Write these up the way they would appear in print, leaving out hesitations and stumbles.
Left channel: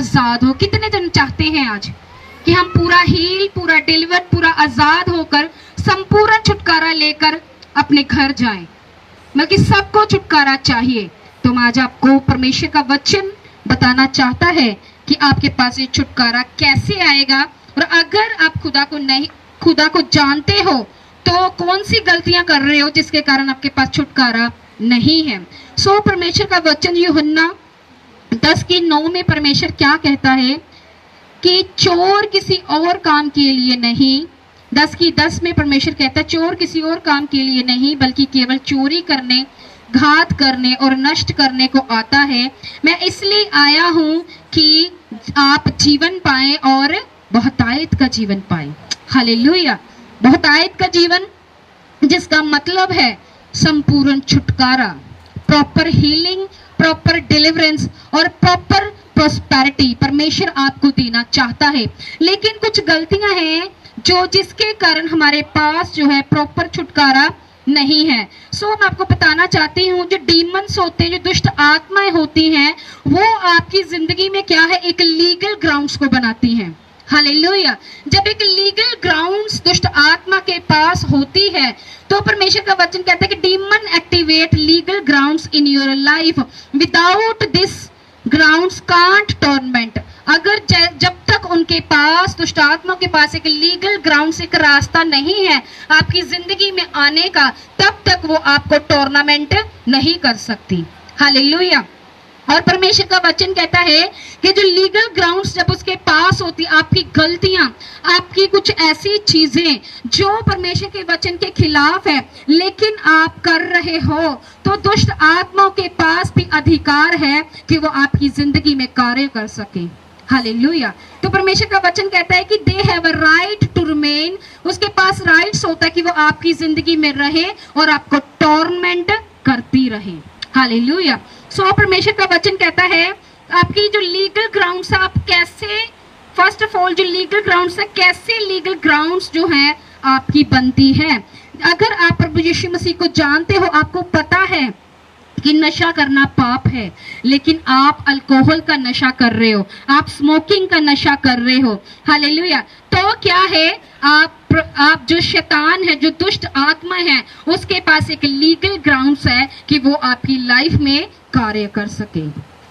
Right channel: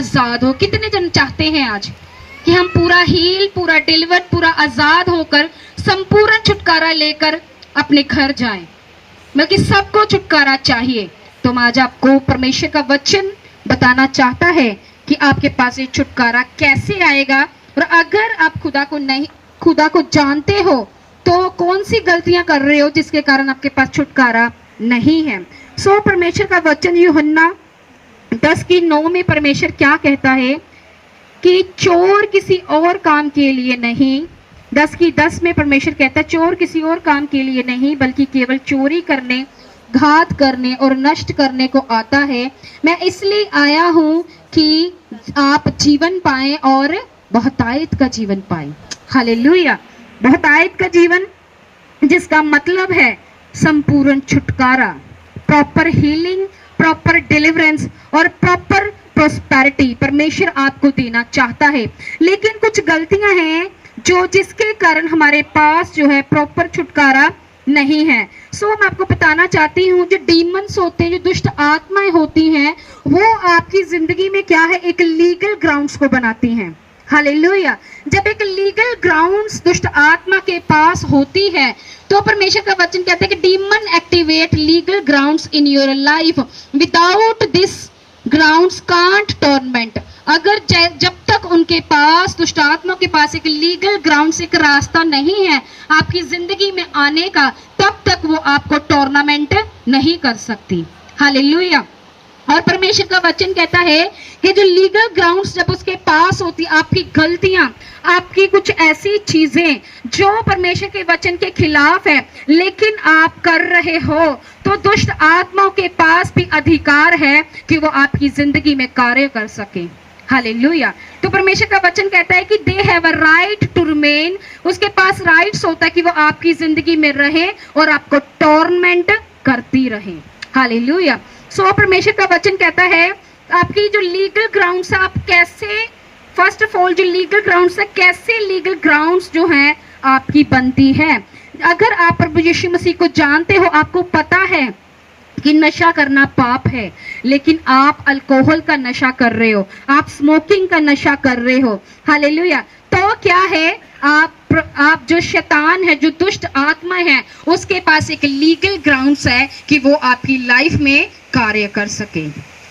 आजाद हो। कितने जन चाहते हैं आज कि हम पूरा हील, पूरा डिलीवर, पूरा आजाद होकर संपूर्ण छुटकारा लेकर अपने घर जाएं? बल्कि सबको छुटकारा चाहिए। तो आज आपको परमेश्वर का वचन बताना चाहता है कि आपके पास ये छुटकारा कैसे आएगा। और अगर आप खुदा को जानते हो तो कौन सी गलतियां कर रहे हो जिसके कारण आपके पास छुटकारा नहीं है। सो परमेश्वर का वचन यूहन्ना 10:9 में परमेश्वर क्या कहता है कि चोर किसी और काम के लिए नहीं, 10:10 में परमेश्वर कहता है चोर किसी और काम के लिए नहीं बल्कि केवल चोरी करने, घात करने और नष्ट करने को आता है। मैं इसलिए आया हूं कि आप जीवन पाएं और बहुतायत का जीवन पाएं। हालेलुया। बहुतायत का जीवन जिसका मतलब है संपूर्ण छुटकारा, प्रॉपर हीलिंग, प्रॉपर डिलीवरेंस और प्रॉपर प्रोस्पेरिटी परमेश्वर आपको देना चाहता है। लेकिन कुछ गलतियां हैं जो जिसके कारण हमारे पास जो है प्रॉपर छुटकारा नहीं है। सो मैं आपको बताना चाहती हूँ जो डीमंस होते हैं, जो दुष्ट आत्माएं होती हैं, वो आपकी जिंदगी में क्या है, एक लीगल ग्राउंड्स को बनाती हैं। हालेलुया। जब एक लीगल ग्राउंड्स दुष्ट आत्मा के पास होती है तो परमेश्वर का वचन कहता है कि demon activate legal grounds in your life, without this grounds can't torment. अगर जब तक उनके पास दुष्ट आत्मा के पास एक लीगल ग्राउंड्स, एक रास्ता नहीं है आपकी जिंदगी में आने का, तब तक वो आपको टॉर्नामेंट नहीं कर सकती। हालेलुया। और परमेश्वर का वचन कहता है कि जो लीगल ग्राउंड्स जब उसके पास होती, आपकी गलतियां, आपकी कुछ ऐसी चीजें जो परमेश्वर के वचन के खिलाफ है लेकिन आप कर रहे हो, तो दुष्ट आत्माओं के पास भी अधिकार है कि वो आपकी जिंदगी में कार्य कर सके। हालेलुया। तो परमेश्वर का वचन कहता है कि they have a right to remain, उसके पास राइट्स होता है कि वो आपकी जिंदगी में रहे और आपको टॉर्मेंट करती रहे। हालेलुया। सो परमेश्वर का वचन कहता है आपकी जो लीगल ग्राउंड्स है, आप कैसे, फर्स्ट ऑफ ऑल जो लीगल ग्राउंड्स है, कैसे लीगल ग्राउंड्स जो है आपकी बनती है। अगर आप प्रभु यीशु मसीह को जानते हो, आपको पता है कि नशा करना पाप है, लेकिन आप अल्कोहल का नशा कर रहे हो, आप स्मोकिंग का नशा कर रहे हो। हालेलुया। तो क्या है, आप जो शैतान है, जो दुष्ट आत्मा है, उसके पास एक लीगल ग्राउंड्स है कि वो आपकी लाइफ में कार्य कर सके।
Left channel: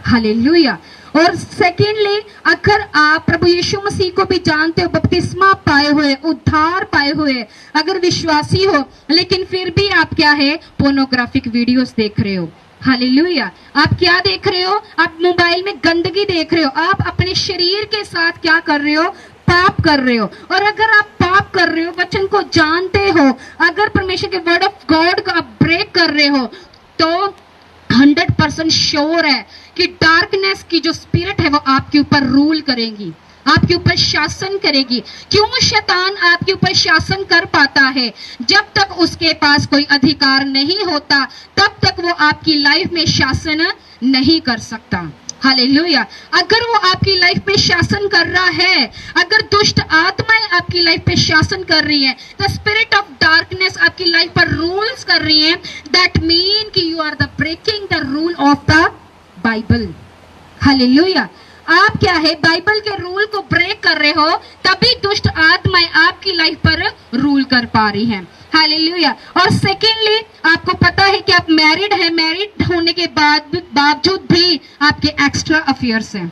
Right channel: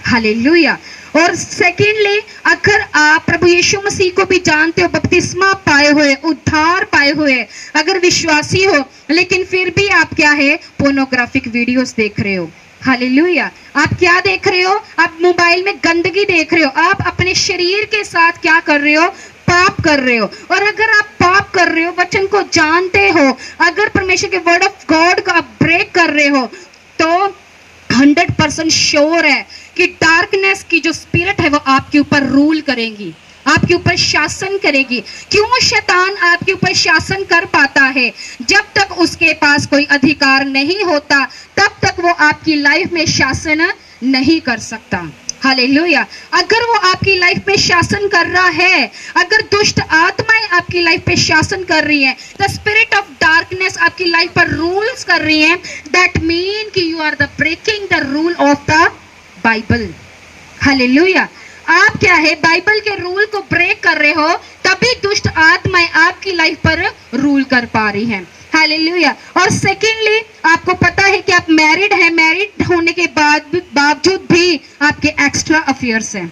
हालेलुया। और सेकेंडली, अगर आप प्रभु यीशु मसीह को भी जानते हो, बपतिस्मा पाए हुए, उद्धार पाए हुए, अगर विश्वासी हो, लेकिन फिर भी आप क्या है, पोर्नोग्राफिक वीडियोस देख रहे हो। हालेलुया। आप क्या देख रहे हो, आप मोबाइल में गंदगी देख रहे हो, आप अपने शरीर के साथ क्या कर रहे हो, पाप कर रहे हो। और अगर आप पाप कर रहे हो, वचन को जानते हो, अगर परमेश्वर के वर्ड ऑफ गॉड को आप ब्रेक कर रहे हो, तो 100% श्योर है कि डार्कनेस की जो स्पिरिट है वो आपके ऊपर रूल करेगी, आपके ऊपर शासन करेगी। क्यों शैतान आपके ऊपर शासन कर पाता है? जब तक उसके पास कोई अधिकार नहीं होता, तब तक वो आपकी लाइफ में शासन नहीं कर सकता। हालेलुया। अगर वो आपकी लाइफ में शासन कर रहा है, अगर दुष्ट आत्माएं आपकी लाइफ पे शासन कर रही है, द स्पिरिट ऑफ डार्कनेस आपकी लाइफ पर रूल्स कर रही है, दैट मीन कि you are the breaking the rule of the Bible. Hallelujah. आप क्या है, बाइबल के रूल को ब्रेक कर रहे हो, तभी दुष्ट आत्माएं आपकी लाइफ पर रूल कर पा रही हैं। हालेलुया। और सेकेंडली, आपको पता है कि आप मैरिड हैं, मैरिड होने के बावजूद भी आपके एक्स्ट्रा अफेयर्स हैं।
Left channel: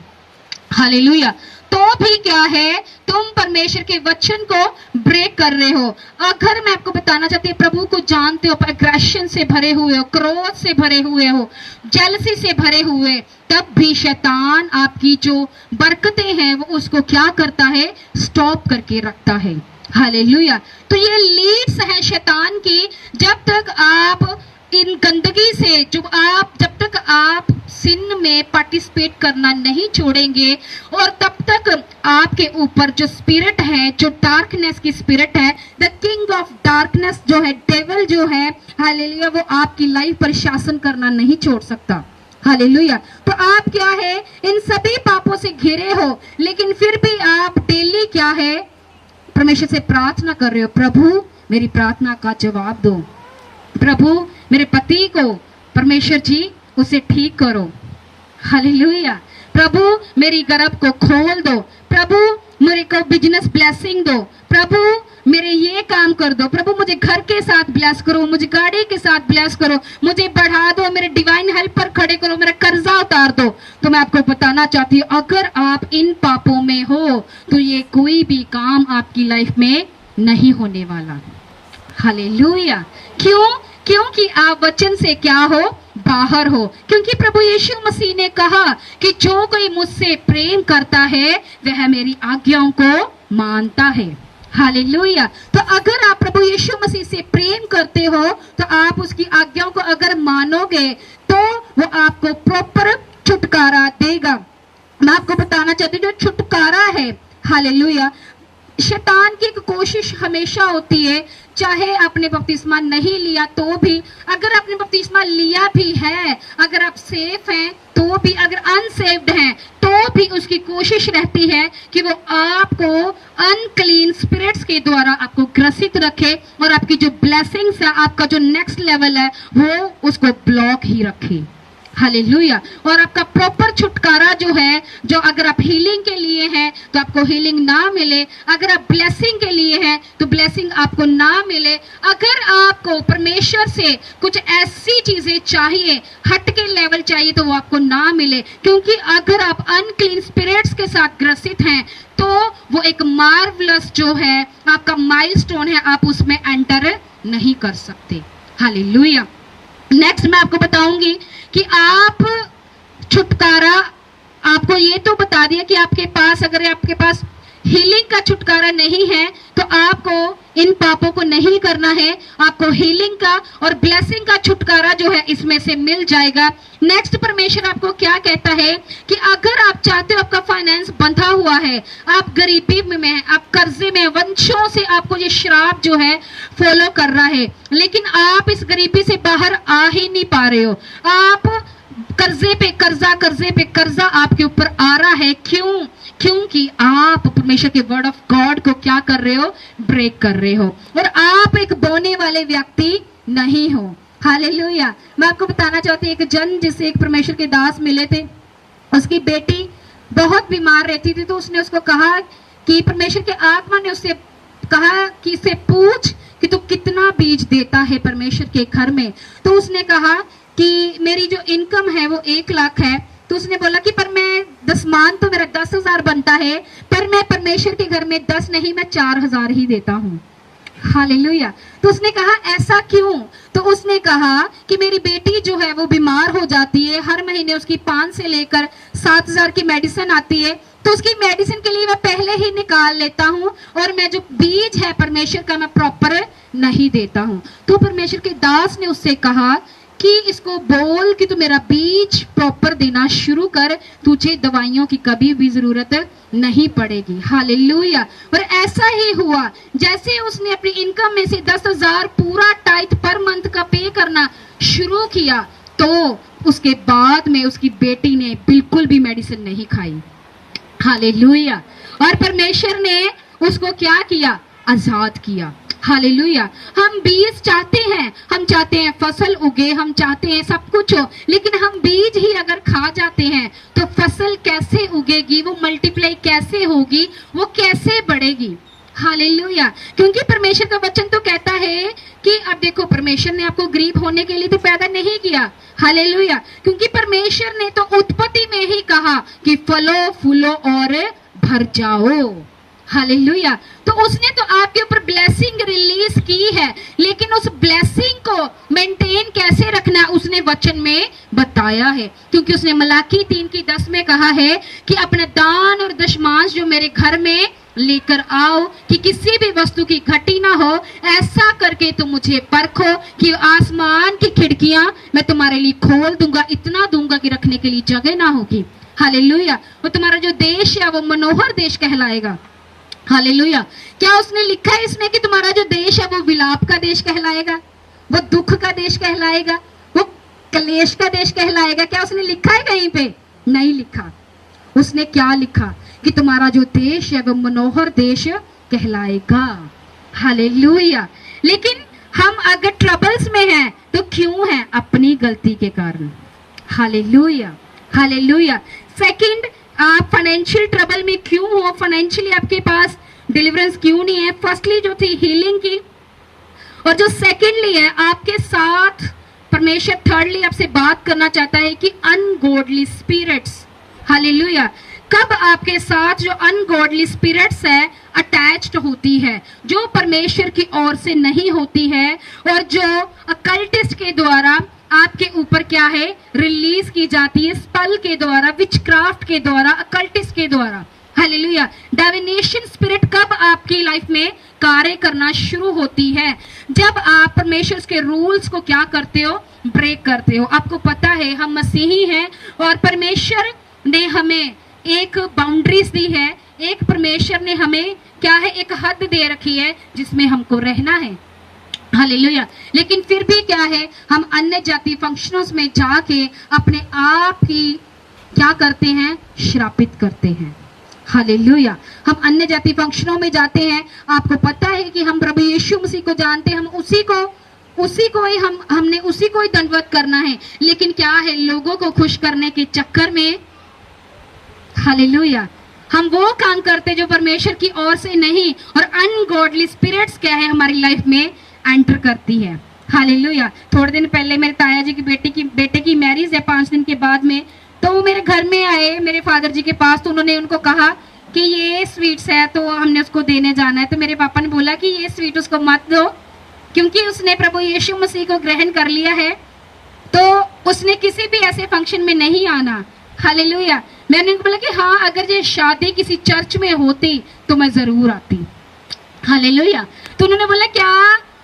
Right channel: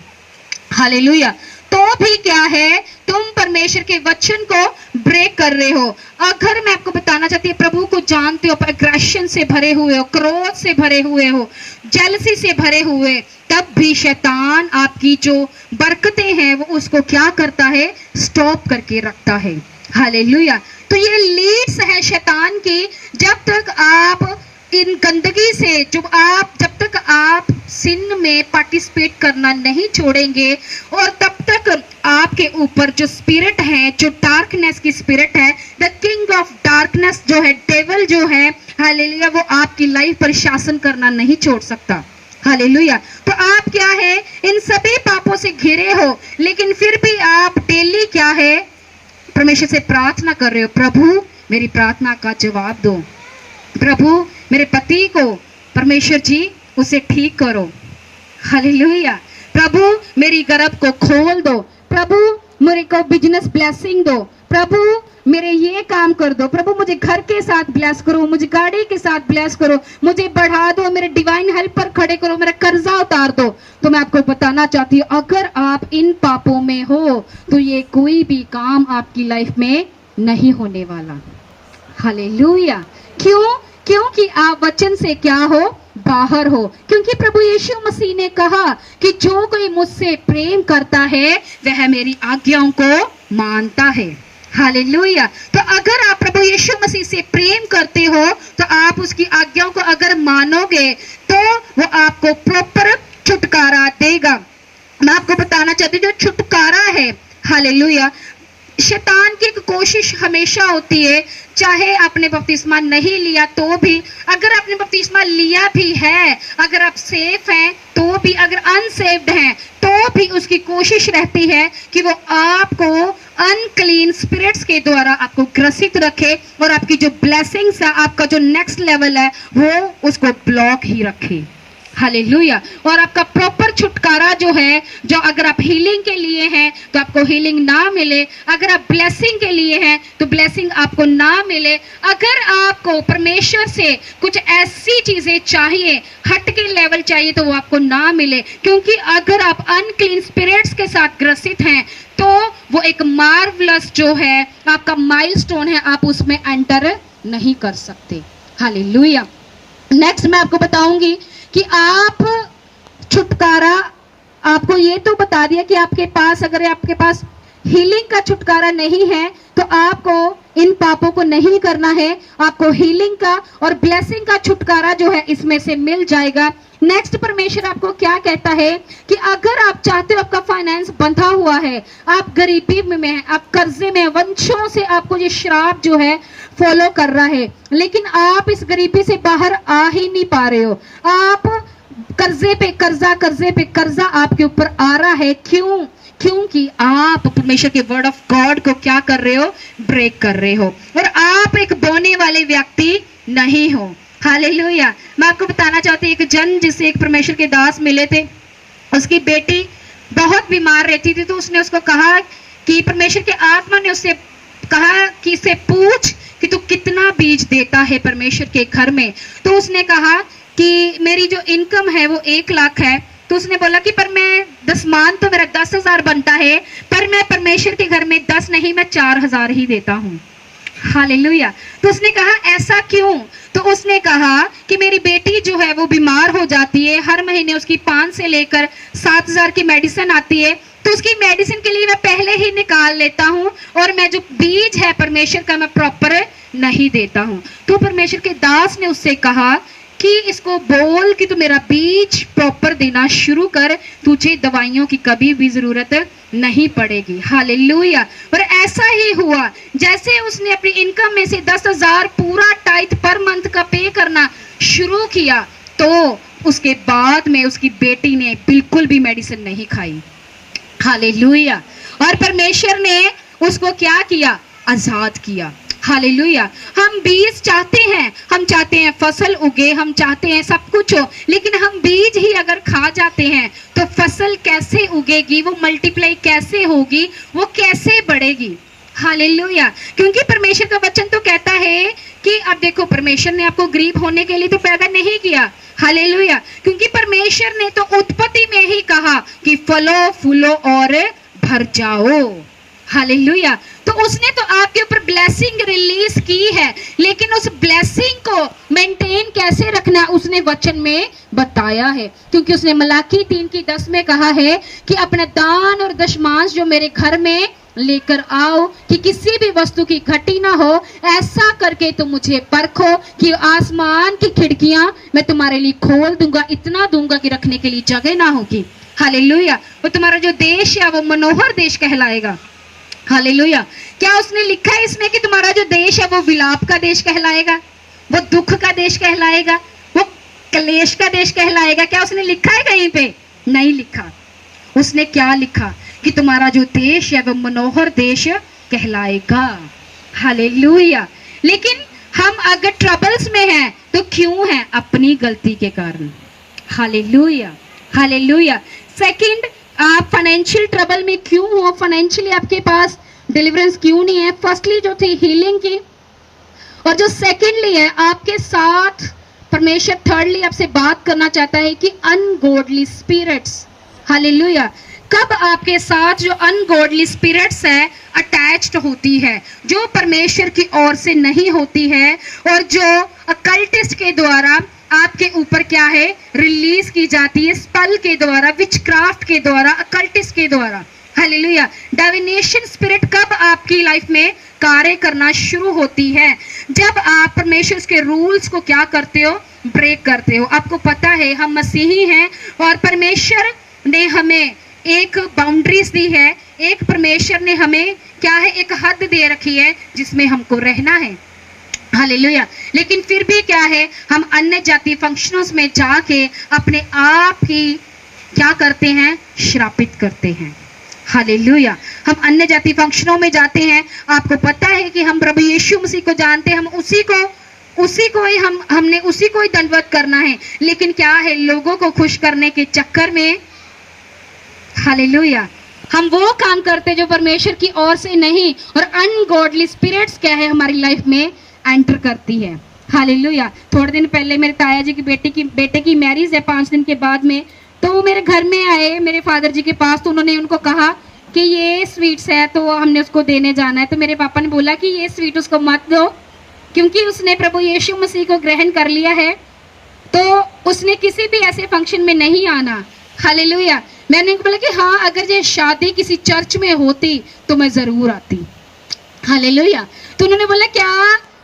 हालेलुया। तो भी क्या है, तुम परमेश्वर के वचन को ब्रेक कर रहे हो। अगर मैं आपको बताना चाहती हूँ, प्रभु को जानते हो, एग्रेशन से भरे हुए हो, क्रोध से भरे हुए हो, जेलसी से भरे हुए, तब भी शैतान आपकी जो बरकतें हैं वो उसको क्या करता है, स्टॉप करके रखता है। हालेलुया। तो ये लीड्स है शैतान की। जब तक आप इन गंदगी से, जब तक आप सिन में पार्टिसिपेट करना नहीं छोड़ेंगे, और तब तक आपके ऊपर जो स्पिरिट है, जो डार्कनेस की स्पिरिट है, द किंग ऑफ डार्कनेस जो है, डेविल जो है, हालेलुया, वो आपकी लाइफ पर शासन करना नहीं छोड़ सकता। हालेलुया। तो आप क्या है, इन सभी पापों से घिरे हो, लेकिन फिर भी आप डेली क्या है, परमेश्वर से प्रार्थना कर रहे हो, प्रभु मेरी प्रार्थना का जवाब दो, प्रभु मेरे पति को, परमेश्वर जी उसे ठीक करो। हालेलुया। प्रभु मेरी गर्भ को खोल दो, प्रभु मेरे को बिजनेस ब्लेसिंग दो, प्रभु मेरे ये काम कर दो, प्रभु मुझे घर के साथ ब्लेस करो, मुझे गाड़ी के साथ ब्लेस करो, मुझे बढ़ा दो, मेरे डिवाइन हेल्पर खड़े करो, मेरा कर्जा उतार दो। तो मैं आपको बताना चाहती हूँ, अगर आप इन पापों में हो तो ये कोई भी काम आपकी लाइफ में नहीं होने वाला। हालेलुया। क्यों? क्योंकि आप वचन से क्या हो? बाहर हो। क्योंकि प्रभु यीशु मसीह ने कहा कि जो कोई मुझसे प्रेम करता है वह मेरी आज्ञाओं को मानता है। हालेलुया। तो अगर आप प्रभु यीशु मसीह से प्रेम करते हो तो आप उसकी आज्ञाओं को अगर मानोगे तो वो आपको प्रॉपर छुटकारा देगा। मैं आपको बताना चाहती हूँ, जो छुटकारा है, हालेलुया, शैतान की एक कोशिश हमेशा होती है, चाहे आपने बपतिस्मा नहीं लिया तो भी, अगर आपने बपतिस्मा लिया भी है, अगर आप सेफ हैं तो भी, अगर अनसेव्ड हैं तो भी उसकी कोशिश रहती है कि वो आपको अनक्लीन स्पिरिट्स के द्वारा आपको ग्रसित रखे और आपकी जो ब्लेसिंग्स है, आपका जो नेक्स्ट लेवल है, वो उसको ब्लॉक ही रखे। हालेलुया। और आपका प्रॉपर छुटकारा जो है, जो अगर आप हीलिंग के लिए हैं तो आपको हीलिंग ना मिले, अगर आप ब्लेसिंग के लिए हैं तो ब्लेसिंग आपको ना मिले, अगर आपको परमेश्वर से कुछ ऐसी चीजें चाहिए, हट के लेवल चाहिए, तो वो आपको ना मिले। क्योंकि अगर आप अनक्लीन स्पिरिट्स के साथ ग्रसित हैं तो वो एक मार्वलस जो है आपका माइलस्टोन है, आप उसमें एंटर नहीं कर सकते। हालेलुया। नेक्स्ट मैं आपको बताऊंगी कि आप छुटकारा, आपको ये तो बता दिया कि आपके पास, अगर आपके पास हीलिंग का छुटकारा नहीं है तो आपको इन पापों को नहीं करना है, आपको हीलिंग का और ब्लेसिंग का छुटकारा जो है इसमें से मिल जाएगा। नेक्स्ट परमेश्वर आपको क्या कहता है कि अगर आप चाहते हो, आपका फाइनेंस बंधा हुआ है, आप गरीबी में हैं, आप कर्जे में, वंशों से आपको ये श्राप जो है फॉलो कर रहा है, लेकिन आप इस गरीबी से बाहर आ ही नहीं पा रहे हो, आप कर्जे पे कर्जा, कर्जे पे कर्जा आपके ऊपर आ रहा है। क्यों? क्योंकि आप परमेश्वर के वर्ड ऑफ गॉड को क्या कर रहे हो? ब्रेक कर रहे हो, और आप एक बोने वाले व्यक्ति नहीं हो। हालेलुया। मैं आपको बताना चाहती हूँ, एक जन जिसे एक परमेश्वर के दास मिले थे, उसकी बेटी बहुत बीमार रहती थी, तो उसने उसको कहा कि परमेश्वर के आत्मा ने उससे कहा कि इसे पूछ कि तू कितना बीज देता है परमेश्वर के घर में। तो उसने कहा कि मेरी जो इनकम है वो 1 लाख है। तो उसने बोला कि पर मैं दसमान तो मेरा 10,000 बनता है, पर मैं परमेश्वर के घर में 10 नहीं, मैं 4,000 ही देता हूँ। हालेलुया। तो उसने कहा ऐसा क्यों? तो उसने कहा कि मेरी बेटी जो है वो बीमार हो जाती है, हर महीने उसकी 5 से लेकर 7,000 की मेडिसिन आती है, तो उसकी मेडिसिन के लिए मैं पहले ही निकाल लेता हूँ, और मैं जो बीज है परमेश्वर का मैं प्रॉपर नहीं देता हूँ। तो परमेश्वर के दास ने उससे कहा कि इसको बोल कि तू मेरा बीज प्रॉपर देना शुरू कर, तुझे दवाइयों की कभी भी जरूरत नहीं पड़ेगी। हालेलुया। और ऐसा ही हुआ, जैसे उसने अपनी इनकम में से 10,000 पूरा टाइट पर मंथ का पे करना शुरू किया, तो उसके बाद में उसकी बेटी ने बिल्कुल भी मेडिसिन नहीं खाई। हालेलुया। और परमेश्वर ने उसको क्या किया? आजाद किया। हालेलुया। हम बीज चाहते हैं, हम चाहते हैं फसल उगे, हम चाहते हैं सब कुछ हो, लेकिन हम बीज ही अगर खा जाते हैं तो फसल कैसे उगेगी, वो मल्टीप्लाई कैसे होगी, वो कैसे बढ़ेगी? हालेलुया। क्योंकि परमेश्वर का वचन तो कहता है कि अब देखो, परमेश्वर ने आपको गरीब होने के लिए तो पैदा नहीं किया। हालेलुया। क्योंकि परमेश्वर ने तो उत्पत्ति में ही कहा कि फलो फूलो और भर जाओ। हालेलुया। तो उसने तो आपके ऊपर ब्लेसिंग रिलीज की है, लेकिन उस ब्लेसिंग को मेंटेन कैसे रखना है उसने वचन में बताया है। क्योंकि उसने मलाकी 3:10 में कहा है कि अपना दान और दशमांश जो मेरे घर में लेकर आओ, कि किसी भी वस्तु की घटी ना हो, ऐसा करके तुम मुझे परखो कि आसमान की खिड़कियां मैं तुम्हारे लिए खोल दूंगा, इतना दूंगा कि रखने के लिए जगह ना होगी। हालेलुया। वो तुम्हारा जो देश है वो मनोहर देश कहलाएगा। हालेलुया। क्या उसने लिखा है इसमें कि तुम्हारा जो देश है वो विलाप का देश कहलाएगा, वो दुख का देश कहलाएगा, वो क्लेश का देश कहलाएगा? क्या उसने लिखा है कहीं पे? नहीं लिखा। उसने क्या लिखा कि तुम्हारा जो देश है वो मनोहर देश कहलाएगा। हालेलुया। लेकिन हम अगर ट्रबल्स में हैं तो क्यों हैं? अपनी गलती के कारण। हालेलुया। हालेलुया। सेकंड, आप फाइनेंशियल ट्रबल में क्यों हो, फाइनेंशियली आपके पास डिलीवरेंस क्यों नहीं है। फर्स्टली जो थी हीलिंग की, और जो सेकंडली है आपके साथ परमेश्वर थर्डली आपसे बात करना चाहता है कि अनगॉडली स्पिरिट्स, हालेलुया, कब आपके साथ जो अनगॉडली स्पिरिट्स है अटैच्ड होती है, जो परमेश्वर की ओर से नहीं होती है और जो अकल्टिस्ट के द्वारा आपके ऊपर क्या है रिलीज की जाती है, स्पेल के द्वारा, विचक्राफ्ट के द्वारा, अकल्टिस्ट के द्वारा, हालेलुया। डिविनेशन स्पिरिट कब आपकी लाइफ में कार्य करना शुरू होती है, जब आप परमेश्वर के रूल्स को क्या करते हो, ब्रेक करते हो। आपको पता है हम मसीही हैं और परमेश्वर ने हमें एक बाउंड्रीज दी है, एक परमेश्वर ने हमें क्या है एक हद दे रखी है जिसमें हमको रहना है, हालेलुया। लेकिन फिर भी क्या है हम अन्य जाति फंक्शनों में जाके अपने आप ही क्या करते हैं, श्रापित करते हैं, हालेलुया। हम अन्य जाति फंक्शनों में जाते हैं, आपको पता है कि हम प्रभु यीशु मसीह को जानते हैं, हम उसी को ही हमने उसी को ही दंडवत करना है, लेकिन क्या है लोगों को खुश करने के चक्कर में, हालेलुया, हम वो काम करते जो परमेश्वर की ओर से नहीं, और अनगॉडली स्पिरिट्स क्या है हमारी लाइफ में एंटर करती है, हालेलुया। थोड़े दिन पहले मेरे ताया जी की बेटे की मैरिज है 5 दिन के बाद में, तो वो मेरे घर में आए मेरे फादर जी के पास, तो उन्होंने उनको कहा कि ये स्वीट्स है तो हमने उसको देने जाना है। तो मेरे पापा ने बोला कि ये स्वीट उसको मत दो, क्योंकि उसने प्रभु यीशु मसीह को ग्रहण कर लिया है, तो उसने किसी भी ऐसे फंक्शन में नहीं आना, हालेलुया। मैंने उनको बोला कि हाँ अगर ये शादी किसी चर्च में होती तो मैं जरूर आती, हालेलुया। तो उन्होंने बोला क्या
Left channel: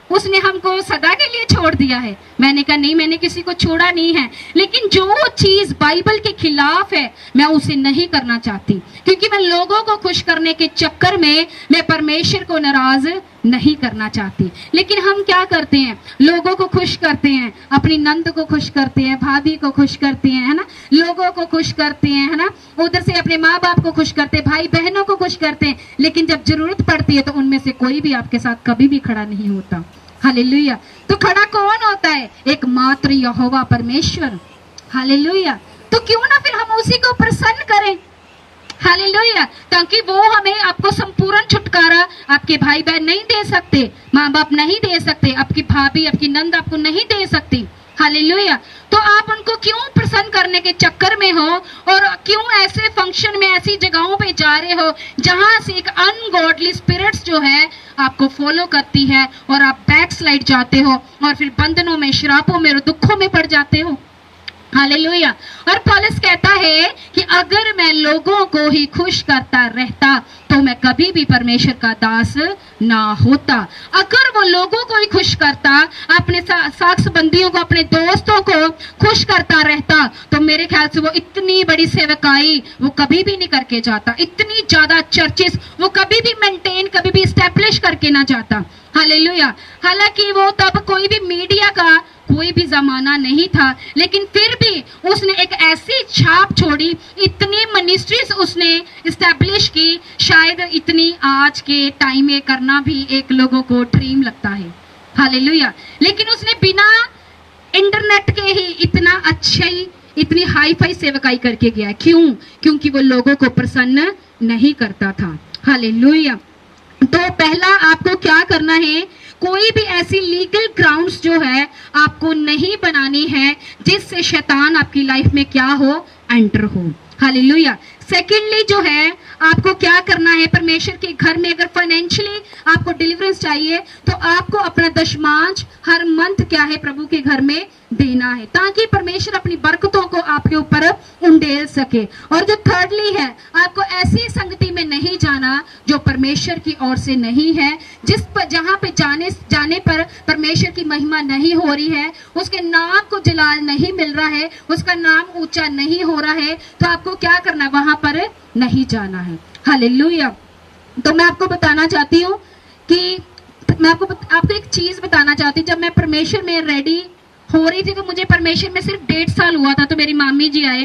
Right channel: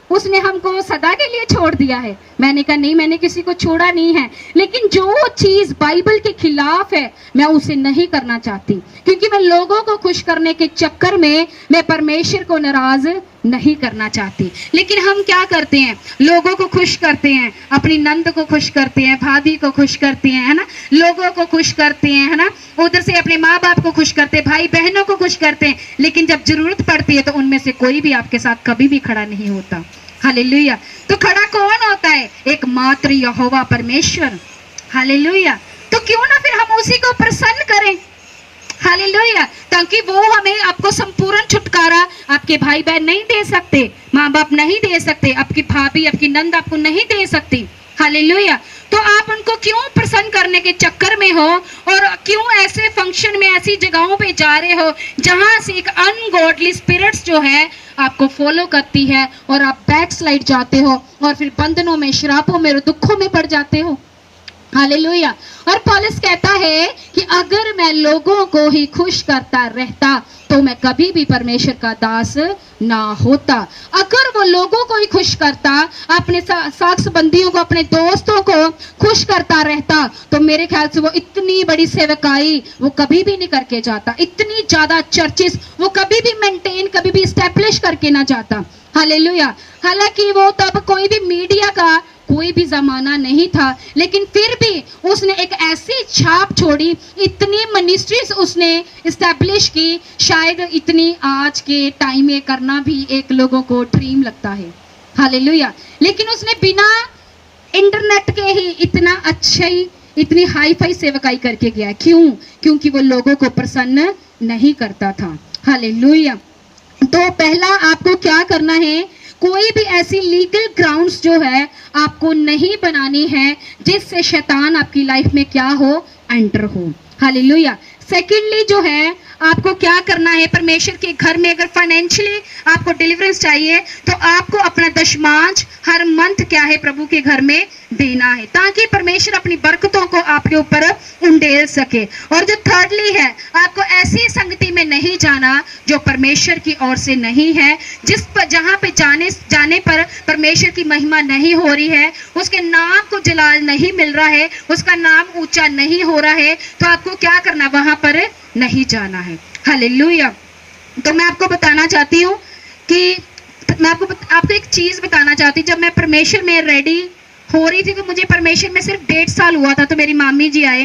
उसने हमको सदा के लिए छोड़ दिया है। मैंने कहा नहीं, मैंने किसी को छोड़ा नहीं है, लेकिन जो चीज बाइबल के खिलाफ है मैं उसे नहीं करना चाहती, क्योंकि मैं लोगों को खुश करने के चक्कर में मैं परमेश्वर को नाराज नहीं करना चाहती। लेकिन हम क्या करते हैं, लोगों को खुश करते हैं, अपनी नंद को खुश करते हैं, भाभी को खुश करते हैं, है ना, लोगों को खुश करते हैं, है ना, उधर से अपने माँ बाप को खुश करते हैं, भाई बहनों को खुश करते हैं, लेकिन जब जरूरत पड़ती है तो उनमें से कोई भी आपके साथ कभी भी खड़ा नहीं होता, हालेलुया। तो खड़ा कौन होता है, एक मात्र यहोवा परमेश्वर, हालेलुया। तो क्यों ना फिर हम उसी को प्रसन्न करें, हालेलुया, ताकि वो हमें आपको संपूर्ण छुटकारा आपके भाई बहन नहीं दे सकते, माँ बाप नहीं दे सकते, आपकी भाभी आपकी नंद आपको नहीं दे सकती, हालेलुया। तो आप उनको क्यों प्रसन्न करने के चक्कर में हो, और क्यों ऐसे फंक्शन में ऐसी जगहों पे जा रहे हो जहां से एक अनगॉडली स्पिरिट्स जो है आपको फॉलो करती है और आप बैकस्लाइड जाते हो और फिर बंधनों में, श्रापों में और दुखों में पड़ जाते हो, हालेलुया। और पौलुस कहता है कि अगर मैं लोगों को ही खुश करता रहता तो मैं कभी भी परमेश्वर का दास ना होता। अगर वो लोगों को ही खुश करता, अपने साथ संबंधियों को, अपने दोस्तों को खुश करता रहता, तो मेरे ख्याल से वो इतनी बड़ी सेवकाई वो कभी भी नहीं करके जाता, इतनी ज्यादा चर्चेस वो कभी भी मेंटेन, कभी भी स्टैब्लिश करके ना जाता, हालेलुया। हालांकि वो तब कोई भी मीडिया का कोई भी जमाना नहीं था, लेकिन फिर भी उसने एक ऐसी छाप छोड़ी, इतनी मिनिस्ट्रीज उसने इस्टेब्लिश की, शायद इतनी आज के टाइम में करना भी एक लोगों को ड्रीम लगता है, हालेलुया। लेकिन उसने बिना इंटरनेट के ही इतना अच्छी, इतनी हाई फाई सेवकाई करके गया। क्यों? क्योंकि वो लोगों को प्रसन्न नहीं करता था, हालेलुया। तो पहला आपको क्या करना है, कोई भी ऐसी लीगल ग्राउंड्स जो है आपको नहीं बनानी है जिससे शैतान आपकी लाइफ में क्या हो, एंटर हो, हालेलुया। सेकेंडली जो है आपको क्या करना है, परमेश्वर के घर में अगर फाइनेंशियली आपको डिलीवरेंस चाहिए तो आपको अपना दशमांश हर मंथ क्या है प्रभु के घर में देना है, ताकि परमेश्वर अपनी बरकतों को आपके ऊपर उंडेल सके। और जो थर्डली है, आपको ऐसी संगति में नहीं जाना जो परमेश्वर की ओर से नहीं है, जिस पर जहां पे जाने पर परमेश्वर की महिमा नहीं हो रही है, उसके नाम को जलाल नहीं मिल रहा है, उसका नाम ऊंचा नहीं हो रहा है, तो आपको क्या करना, वहां पर नहीं जाना है, हालेलुया। तो मैं आपको बताना चाहती हूँ कि मैं आपको एक चीज बताना चाहती हूँ। जब मैं परमेश्वर में रेडी हो रही थी तो मुझे परमेश्वर में सिर्फ 1.5 साल हुआ था, तो मेरी मामी जी आए,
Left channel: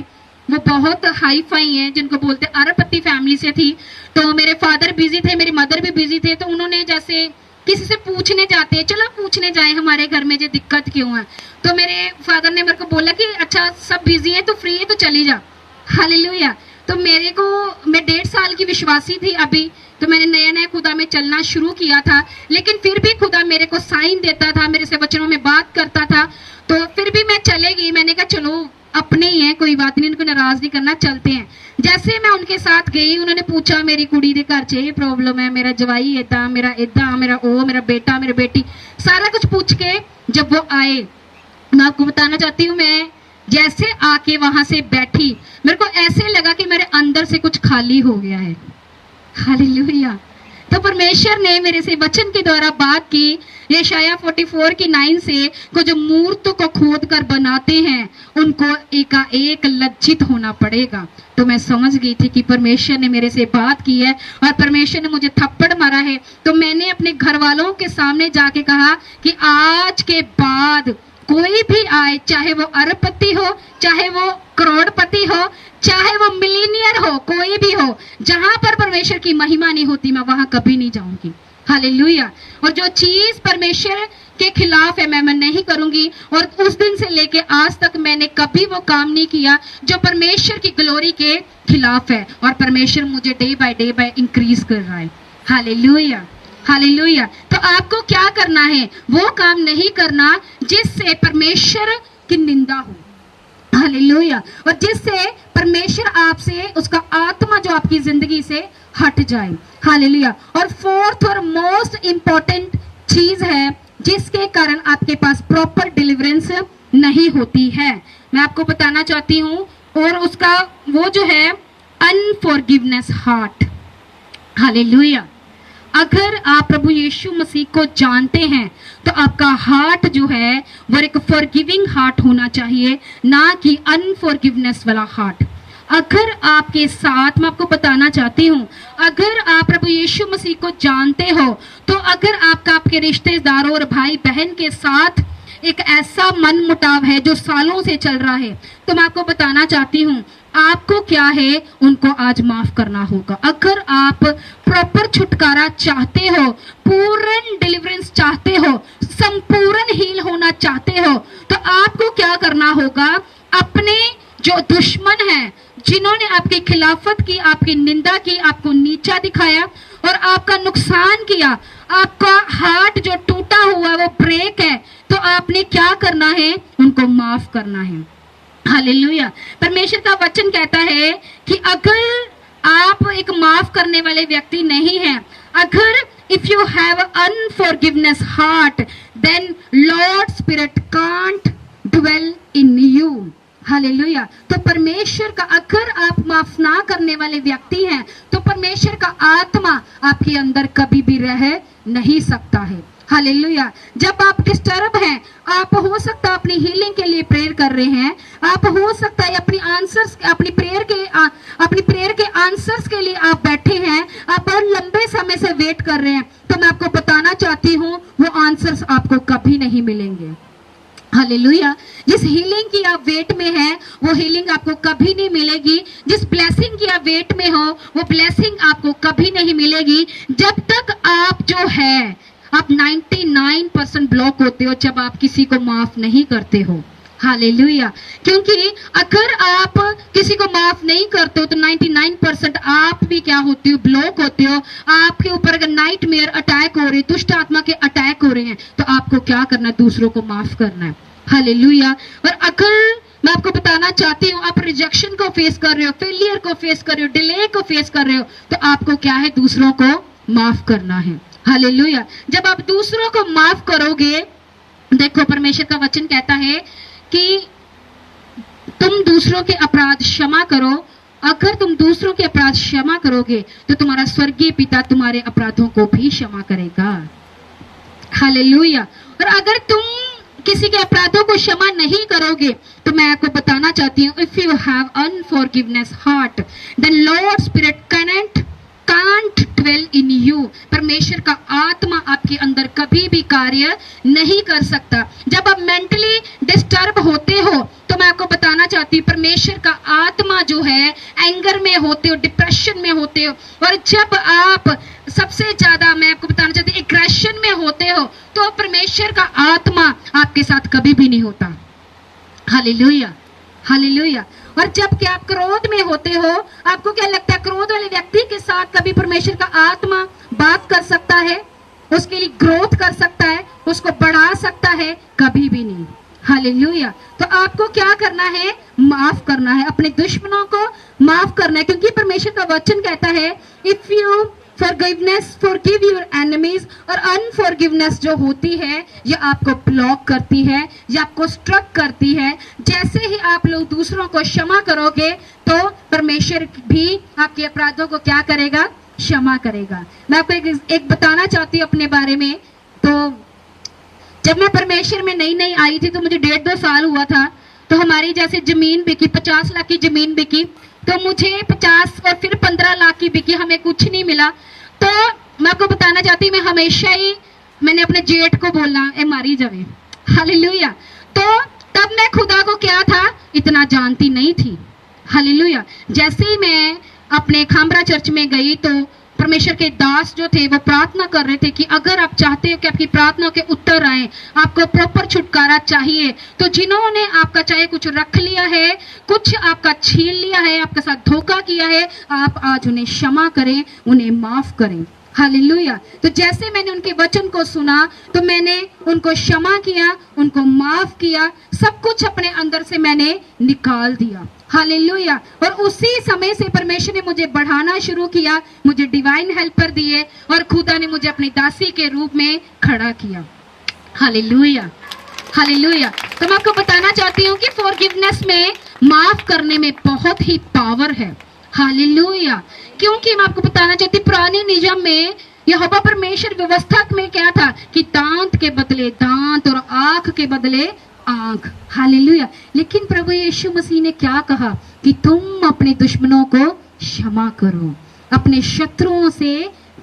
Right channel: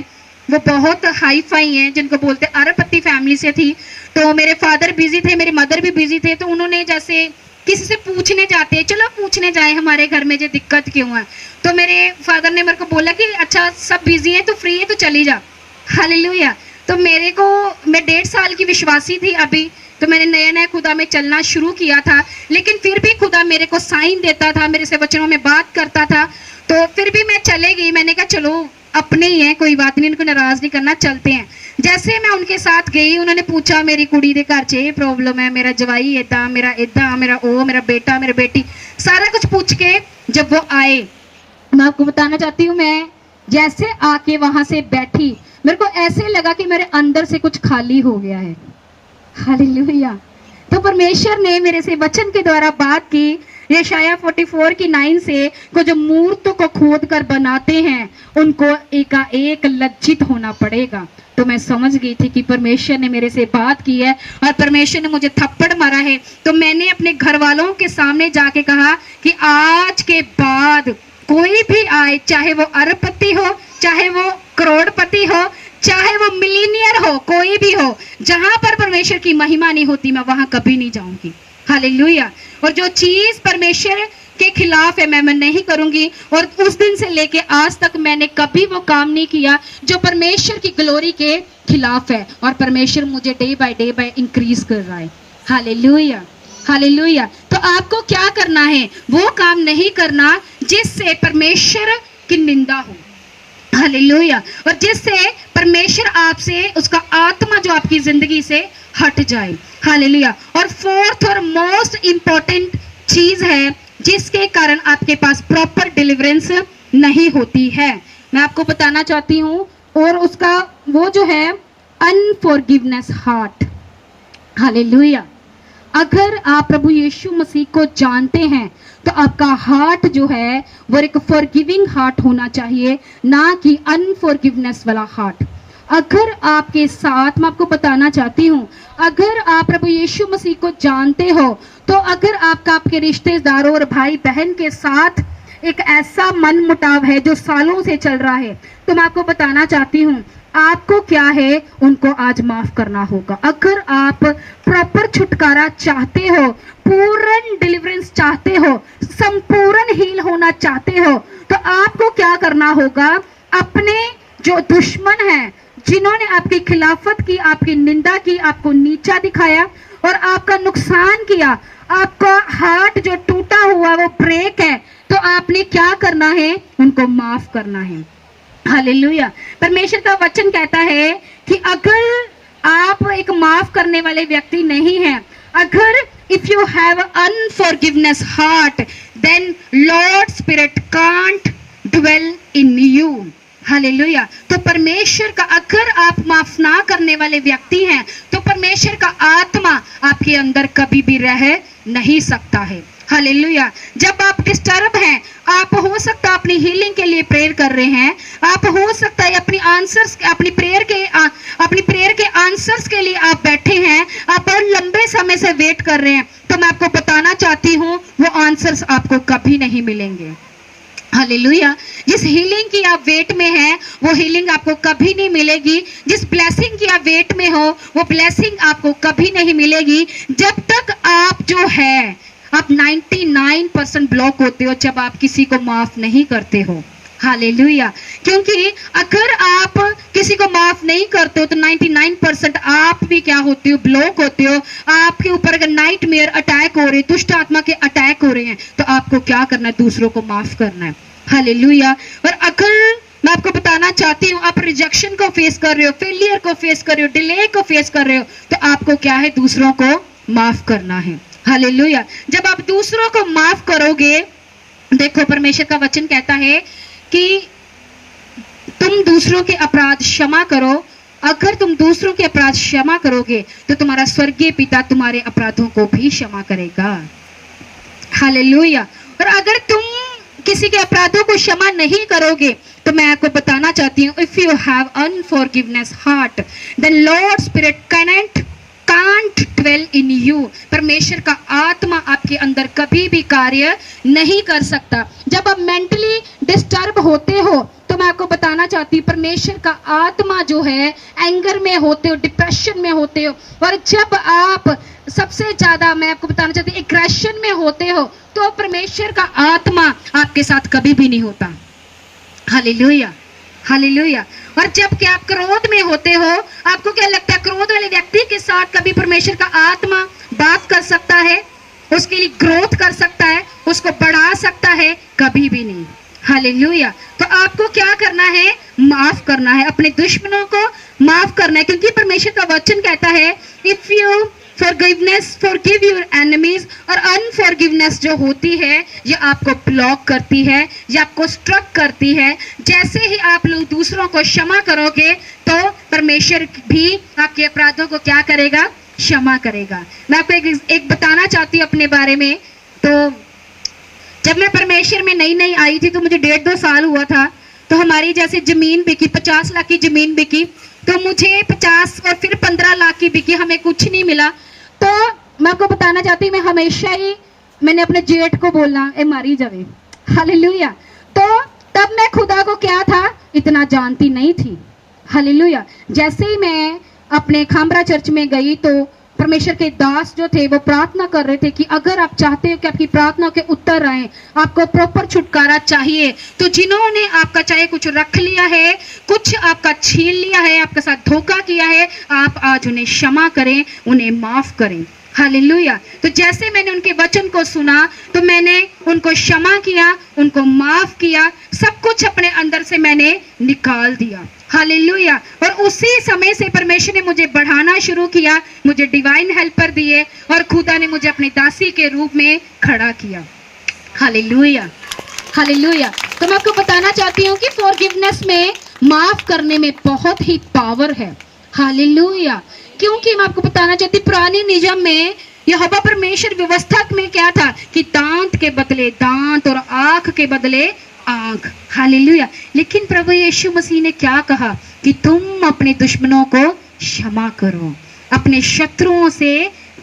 वो बहुत हाई फाई हैं, जिनको बोलते अरबपति फैमिली से थी। तो मेरे फादर बिजी थे, मेरे मदर भी बिजी थे, तो उन्होंने जैसे किसी से पूछने जाते हैं, चलो पूछने जाए हमारे घर में जो दिक्कत क्यों है, तो मेरे फादर ने मेरे को बोला कि अच्छा सब बिजी है तो फ्री है तो चली जा, हालेलुया। तो मेरे को, मैं 1.5 साल की विश्वासी थी अभी, तो मैंने नया नया खुदा में चलना शुरू किया था, लेकिन फिर भी खुदा मेरे को साइन देता था, मेरे से वचनों में बात करता था, तो फिर भी मैं चले गई। मैंने कहा चलो अपने ही हैं, कोई बात नहीं, इनको नाराज नहीं करना, चलते हैं। जैसे मैं उनके साथ गई, उन्होंने पूछा मेरी कुड़ी दे घर च ये प्रॉब्लम है, मेरा जवाई इदा, मेरा इदा, मेरा ओ, मेरा बेटा, मेरी बेटी, सारा कुछ पूछ के जब वो आए, मैं आपको बताना चाहती हूँ, मैं जैसे आके वहां से बैठी, मेरे को ऐसे लगा कि मेरे अंदर से कुछ खाली हो गया है। हालेलुया। तो परमेश्वर ने मेरे से वचन के द्वारा बात की, यशाया 44 की 9 से, को जो मूर्त को खोद कर बनाते हैं उनको एकाएक लज्जित होना पड़ेगा। तो मैं समझ गई थी कि परमेश्वर ने मेरे से बात की है और परमेश्वर ने मुझे थप्पड़ मारा है। तो मैंने अपने घर वालों के सामने जाके कहा कि आज के बाद कोई भी आए, चाहे वो अरबपति हो, चाहे वो करोड़पति हो, चाहे वो मिलीनियर हो, कोई भी हो, जहां पर परमेश्वर की महिमा नहीं होती मैं वहां कभी नहीं जाऊंगी। हालेलुया। और जो चीज परमेश्वर के खिलाफ है मैं नहीं करूंगी। और उस दिन से लेके आज तक मैंने कभी वो काम नहीं किया जो परमेश्वर की ग्लोरी के खिलाफ है। और परमेश्वर मुझे डे बाय इंक्रीज कर रहा है। Hallelujah, hallelujah. तो आपको क्या करना है? वो काम नहीं करना जिससे परमेश्वर की निंदा हो। हालेलुया। और जिससे परमेश्वर आपसे, उसका आत्मा जो आपकी जिंदगी से हट जाए। हालेलुया। और फोर्थ और मोस्ट इंपॉर्टेंट चीज है जिसके कारण आपके पास प्रॉपर डिलीवरेंस नहीं होती है, मैं आपको बताना चाहती हूँ, और उसका वो जो है अनफॉरगिवनेस हार्ट। हालेलुया। अगर आप प्रभु यीशु मसीह को जानते हैं तो आपका हार्ट जो है वो एक फॉरगिविंग हार्ट होना चाहिए, ना कि अनफॉरगिवनेस वाला हार्ट। अगर आपके साथ, मैं आपको बताना चाहती हूँ, अगर आप प्रभु यीशु मसीह को जानते हो तो अगर आपका आपके रिश्तेदारों और भाई बहन के साथ एक ऐसा मन मुटाव है जो सालों से चल रहा है, तो मैं आपको बताना चाहती हूँ आपको क्या है, उनको आज माफ करना होगा। अगर आप प्रॉपर छुटकारा चाहते हो, पूर्ण डिलीवरेंस चाहते हो, संपूर्ण हील होना चाहते हो, तो आपको क्या करना होगा? अपने जो दुश्मन है, जिन्होंने आपकी खिलाफत की, आपकी निंदा की, आपको नीचा दिखाया और आपका नुकसान किया, आपका हार्ट जो टूटा हुआ वो ब्रेक है, तो आपने क्या करना है? उनको माफ करना है। हालेलुया। परमेश्वर का वचन कहता है कि अगर आप एक माफ करने वाले व्यक्ति नहीं हैं, अगर if you have unforgiveness heart, then Lord Spirit can't dwell in you. Hallelujah. तो परमेश्वर का, अगर आप माफ ना करने वाले व्यक्ति हैं तो परमेश्वर का आत्मा आपके अंदर कभी भी रह नहीं सकता है। हालेलुया। जब आप डिस्टर्ब हैं, आप हो सकता है अपनी हीलिंग के लिए प्रेयर कर रहे हैं, आप हो सकता है अपनी आंसर्स, अपनी प्रेयर के आंसर्स के लिए आप बैठे हैं, आप बहुत लंबे समय से वेट कर रहे हैं, तो मैं आपको बताना चाहती हूँ वो आंसर्स आपको कभी नहीं मिलेंगे। हालेलुया। जिस हीलिंग की आप वेट में हैं वो हीलिंग आपको कभी नहीं मिलेगी। जिस ब्लेसिंग की आप वेट में हो वो ब्लेसिंग आपको कभी नहीं मिलेगी जब तक आप जो है आप 99% ब्लॉक होते हो जब आप किसी को माफ नहीं करते हो। हालेलुया। क्योंकि अगर आप किसी को माफ नहीं करते हो तो 99% आप भी क्या होते हो? ब्लॉक होते हो। आपके ऊपर अगर नाइटमेयर अटैक हो रहे, दुष्ट आत्मा के अटैक हो रहे हैं, तो आपको क्या करना है? दूसरों को माफ करना है। हालेलुया। और अगर मैं आपको बताना चाहती हूँ आप रिजेक्शन को फेस कर रहे हो, फेलियर को फेस कर रहे हो, डिले को फेस कर रहे हो, तो आपको क्या है? दूसरों को माफ करना है। हालेलुया। जब आप दूसरों को माफ करोगे, देखो परमेश्वर का वचन कहता है कि तुम दूसरों के अपराध क्षमा करो। अगर तुम दूसरों के अपराध क्षमा करोगे तो तुम्हारा स्वर्गीय पिता तुम्हारे अपराधों को भी क्षमा करेगा। हालेलुया। और अगर तुम किसी के अपराधों को क्षमा नहीं करोगे तो मैं आपको बताना चाहती हूँ, if you have unforgiveness heart, then Lord Spirit can't dwell in you. परमेश्वर का आत्मा आपके अंदर कभी भी कार्य नहीं कर सकता। जब आप मेंटली डिस्टर्ब होते हो तो मैं आपको बताना चाहती हूँ परमेश्वर का आत्मा जो है एंगर में होते हो, डिप्रेशन में होते हो, और जब आप सबसे ज्यादा, मैं आपको बताना चाहती हूँ, एग्रेशन में होते हो, तो परमेश्वर का आत्मा आपके साथ कभी भी नहीं होता। Hallelujah, hallelujah. और जब कि आप क्रोध में होते हो, आपको क्या लगता है क्रोध वाले व्यक्ति के साथ कभी परमेश्वर का आत्मा बात कर सकता है, उसके लिए ग्रोथ कर सकता है, उसको बढ़ा सकता है? कभी भी नहीं। हालेलुया। तो आपको क्या करना है? माफ करना है, अपने दुश्मनों को माफ करना है, क्योंकि परमेश्वर का वचन कहता है if you forgive your enemies, और अनफॉरगिवनेस जो होती है ये आपको ब्लॉक करती है, ये आपको स्ट्रक करती है। जैसे ही आप लोग दूसरों को क्षमा करोगे तो परमेश्वर भी आपके अपराधों को क्या करेगा? क्षमा करेगा। मैं आपको एक बताना चाहती हूँ अपने बारे में। तो जब मैं परमेश्वर में नई नई आई थी तो मुझे 1.5-2 साल हुआ था, तो हमारी जैसे जमीन बिकी, 50 लाख की जमीन बिकी, तो मुझे 50 और फिर 15 लाख की बिकी, हमें कुछ नहीं मिला। तो मैं आपको बताना चाहती हूँ, मैं हमेशा ही मैंने अपने जेठ को बोलना ए मारी जावे। हालेलुया। तो तब मैं खुदा को क्या था इतना जानती नहीं थी। हालेलुया। जैसे ही मैं अपने खामरा चर्च में गई तो परमेश्वर के दास जो थे वो प्रार्थना कर रहे थे कि अगर आप चाहते हो कि आपकी प्रार्थना के उत्तर आए, आपको प्रॉपर छुटकारा चाहिए, तो जिन्होंने आपका चाहे कुछ रख लिया है, कुछ आपका छीन लिया है, आपके साथ धोखा किया है, आप आज उन्हें क्षमा करें, उन्हें माफ करें। हालेलुया। तो जैसे मैंने उनके वचन को सुना तो मैंने उनको क्षमा किया, उनको माफ किया, सब कुछ अपने अंदर से मैंने निकाल दिया। हालेलुया। और उसी समय से परमेश्वर ने मुझे बढ़ाना शुरू किया, मुझे डिवाइन हेल्पर दिए और खुदा ने मुझे अपनी दासी के रूप में खड़ा किया। हालेलुया। हालेलुया। तो मैं आपको बताना चाहती हूँ कि फॉरगिवनेस में, माफ करने में बहुत ही पावर है। हालेलुया। क्योंकि मैं आपको बताना चाहती हूँ पुराने नियम में यहोवा परमेश्वर व्यवस्था में क्या था कि दांत के बदले दांत और आंख के बदले आंख। हालेलुया। लेकिन प्रभु यीशु मसीह ने क्या कहा कि तुम अपने दुश्मनों को क्षमा करो, अपने शत्रुओं से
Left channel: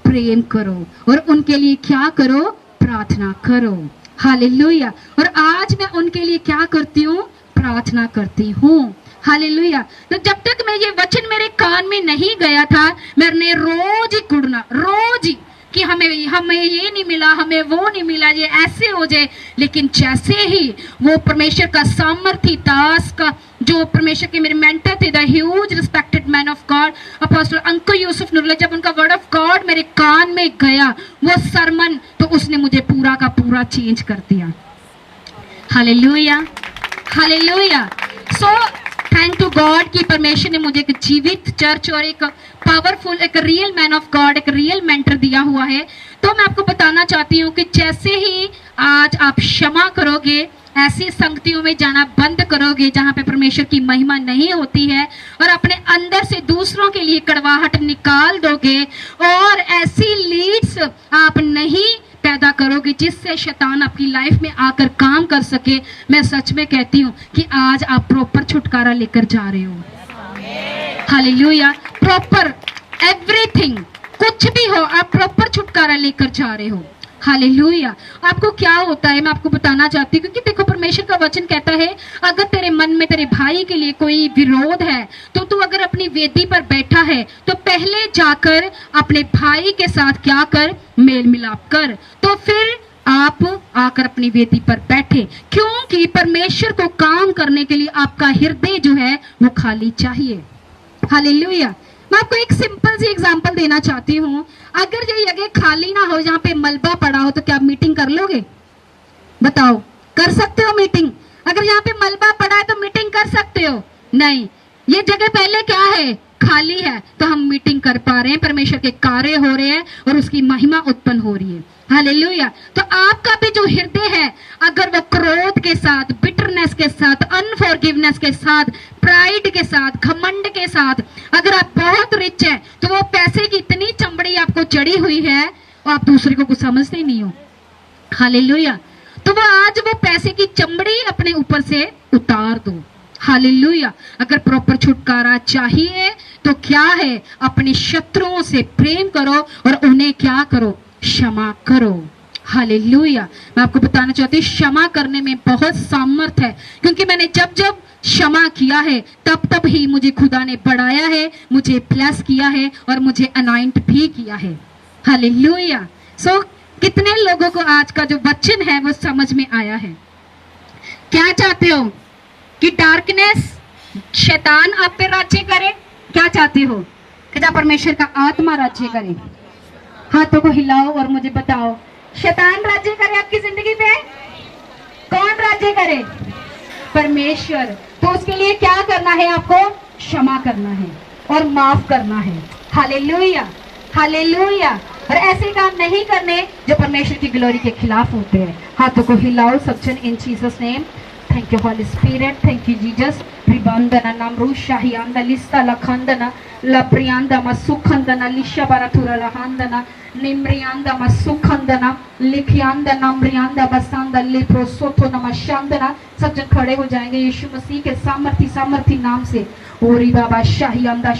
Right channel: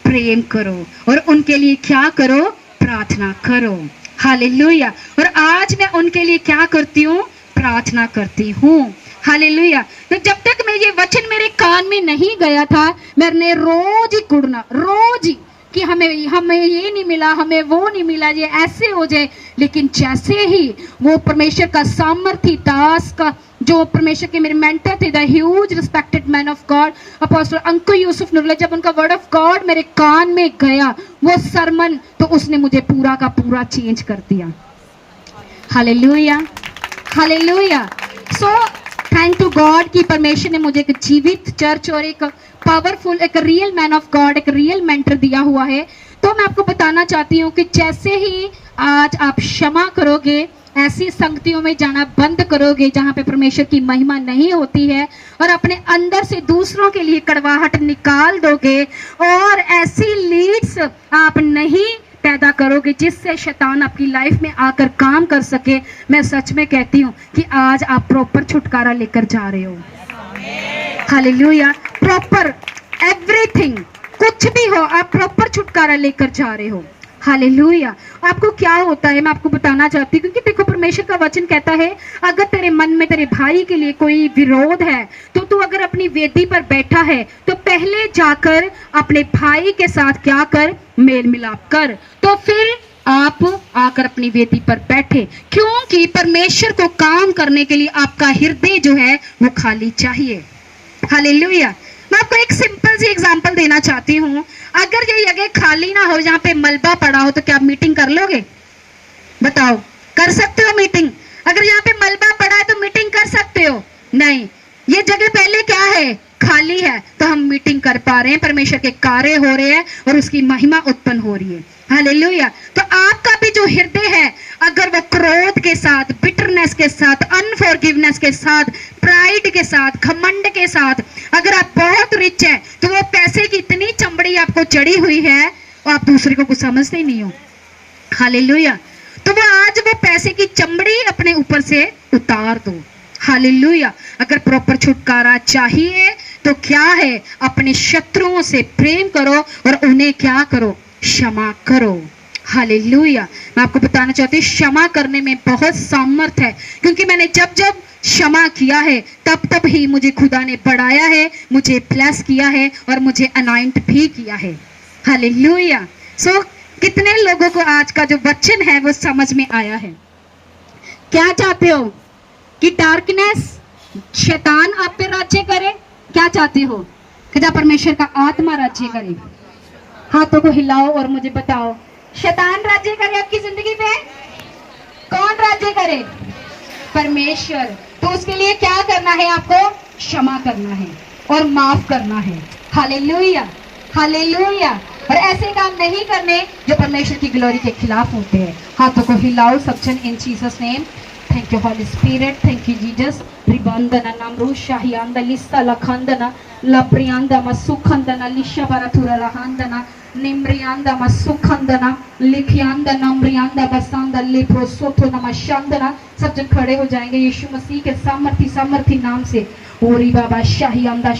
प्रेम करो और उनके लिए क्या करो? प्रार्थना करो। हालेलुया। और आज मैं उनके लिए क्या करती हूँ? प्रार्थना करती हूँ। हालेलुया। तो जब तक मैं ये वचन मेरे कान में नहीं गया था, मैंने रोज ही कुड़ना, रोज ही कि हमें ये नहीं मिला, हमें वो नहीं मिला, ये ऐसे हो जाए। लेकिन जैसे ही वो परमेश्वर का सामर्थी दास का जो परमेश्वर के मेरे मेंटर थे, the huge respected man of God apostle uncle Yusuf Noorullah, जब उनका वर्ड ऑफ गॉड मेरे कान में गया, वो सरमन, तो उसने मुझे पूरा का पूरा चेंज कर दिया। Hallelujah. Hallelujah. So thank to God कि परमेश्वर ने मुझे एक जीवित चर्च और एक पावरफुल, एक रियल मैन ऑफ गॉड, एक रियल मेंटर दिया हुआ है। तो मैं आपको बताना चाहती हूँ कि जैसे ही आज आप क्षमा करोगे, ऐसी संगतियों में जाना बंद करोगे जहां पे परमेश्वर की महिमा नहीं होती है, और अपने अंदर से दूसरों के लिए कड़वाहट निकाल दोगे, और ऐसी लीड्स आप नहीं पैदा करोगे जिससे शैतान आपकी लाइफ में आकर काम कर सके, मैं सच में कहती हूँ कि आज आप प्रॉपर छुटकारा लेकर जा रहे हो। हालेलुया। प्रॉपर एवरीथिंग, कुछ भी हो, आप प्रॉपर छुटकारा लेकर जा रहे हो। हालेलुया। आपको क्या होता है मैं आपको बताना चाहती हूँ, क्योंकि देखो परमेश्वर का वचन कहता है अगर तेरे मन में तेरे भाई के लिए कोई विरोध है तो तू अगर अपनी वेदी पर बैठा है तो पहले जाकर अपने भाई के साथ क्या कर? मेल मिलाप कर, तो फिर आप आकर अपनी वेदी पर बैठे, क्योंकि परमेश्वर को काम करने के लिए आपका हृदय जो है वो खाली चाहिए। हालेलुया। मैं आपको एक सिंपल सी एग्जांपल देना चाहती हूँ। अगर ये जगह खाली ना हो, जहाँ पे मलबा पड़ा हो, तो क्या आप मीटिंग कर लोगे? बताओ, कर सकते हो मीटिंग? अगर यहाँ पे मलबा पड़ा है तो मीटिंग कर सकते हो? नहीं। ये जगह पहले क्या है? खाली है, तो हम मीटिंग कर पा रहे हैं, परमेश्वर के कार्य हो रहे हैं और उसकी महिमा उत्पन्न हो रही है। हालेलुया। तो आपका भी जो हृदय है, अगर वो क्रोध के साथ, बिटरनेस के साथ, अनफॉरगिवनेस के साथ, प्राइड के साथ, घमंड के साथ, अगर आप बहुत रिच है तो वो पैसे की इतनी चमड़ी आपको चढ़ी हुई है और आप दूसरे को कुछ समझते ही नहीं हो। हालेलुया। तो वो आज वो पैसे की चमड़ी अपने ऊपर से उतार दो। हालेलुया। अगर प्रॉपर छुटकारा चाहिए तो क्या है? अपने शत्रुओं से प्रेम करो और उन्हें क्या करो? क्षमा करो। हालेलुया। मैं आपको बताना चाहती हूँ क्षमा करने में बहुत सामर्थ है, क्योंकि मैंने जब जब क्षमा किया है तब तब ही मुझे खुदा ने बढ़ाया है, मुझे ब्लेस किया है और मुझे अनाइंट भी किया है। हालेलुया। सो कितने लोगों को आज का जो वचन है वो समझ में आया है? क्या चाहते हो कि डार्कनेस शैतान आप पे राज्य करे, क्या चाहते हो? क्या परमेश्वर का आत्मा राज्य करे? हाथों को हिलाओ और मुझे बताओ, शैतान राज्य करे आपकी जिंदगी पे? कौन राज्य करे? परमेश्वर। तो उसके लिए क्या करना है? आपको क्षमा करना है और माफ करना है। Hallelujah, hallelujah. और ऐसे काम नहीं करने जो परमेश्वर की ग्लोरी के खिलाफ होते हैं। हाथों को हिलाओ सब जन in Jesus name. Thank you Holy Spirit, thank you Jesus. रिबंदना नामरू शाहियांदा लिस्ता लखंदना लप्रियांदा मसुखंदना लिशा बाराथुरा रहांदना निम्रियांदा मसुखंदना लिखियांदा नम्रियांदा बसंदा लिप्रोसोथो नमशांदना। सब जन खड़े हो जाएंगे यीशु मसीह के सामर्थी नाम से। ओरी बाबा शाहियांदा